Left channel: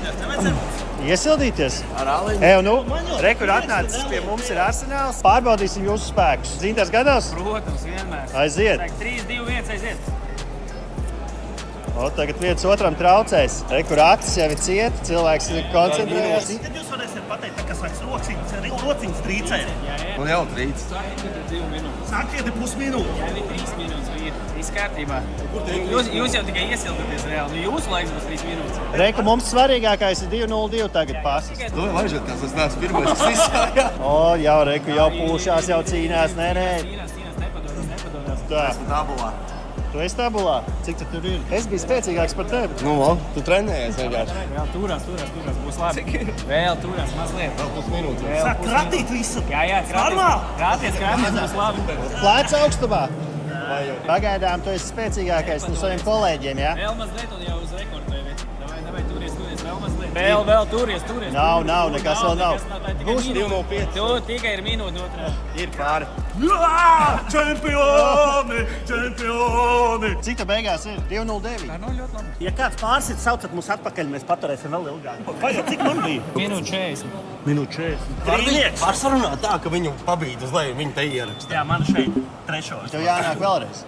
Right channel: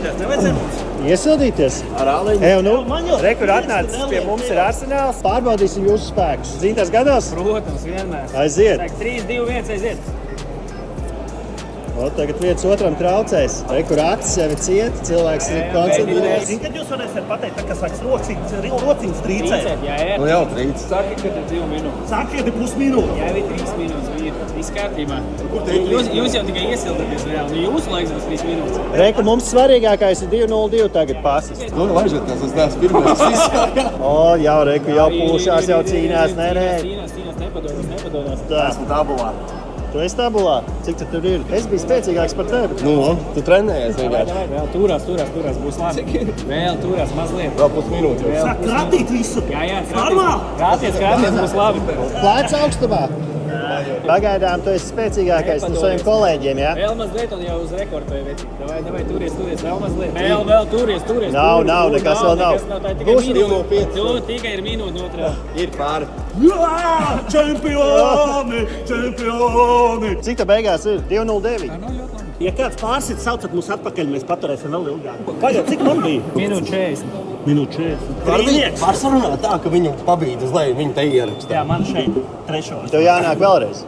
Iesildīties, nevajadzēja mums. Iesildīties? Ar āleņu. Rekur atnācis pie mums ir Arsenāls. Pārbaudīsim jūsu spēkus. Zīntas gados? Protams, vienmēr. Aiziet. Saka, 3, 2, 1, aiziet. O, tagad viens otram traucēs. Rekur acis jau ir cieta, cilvēks ir koncentrējies. Zini, kad jūs varēsiet pateikt, tā, ka sāks rociņas trīcēt? Jā. Nu jau trīc. Saka, ka ir 2 minūtes. Sākiet ir pusminūte. Jā, arī 3 minūtes. Viss kārtībā. Jūs jau tikai iesildaties reāli. Nu, jūsu laiks būs 3 minūtes. Reku mums svarīgākais ir 2-0-2 tagad pasis. Nu, vairžoties, es neesmu pirmais, kas izsājā. O, jau Reku jau pūšās, jau cīnās. Nē. Cīnās, nepadodas. Tā. Esmu tabulā. Tu esi tabulā? Cik tur ir? Es biju spēcīgāks par tevi. Nu, tu trenējies vienkārši. Vēl turās, būs labi. Vēl turās mazliet. Vēl pusminūte. Sāk krātīt visu. Jā, Normāli. krāties, būs labi. Plēc augstumā. Pagaidām tu esi spēcīgākais no saviem kolēģiem, jā? Vēl mazliet un jau uz rekordu vai veci. Davai, turies, vēl mazliet. Vēl, turies. Nav, nekas vēl nav. Būs 2:05. Tu tikai ir minūte otrā. Ir pāri. Jā, čempioni! Cik tā beigās ir? 2-0-9. Ja kāds pārsit, saucat mūs atpakaļ, mēs paturēsim vēl ilgāk. Pagaid, cik man bija? Minūte 40. Minūte 40. Var sarunāt tā, ka viņu pabīd uz leju, viņu te ierakstā. Jā, man šeit trešo. Tev jānāk vēlreiz.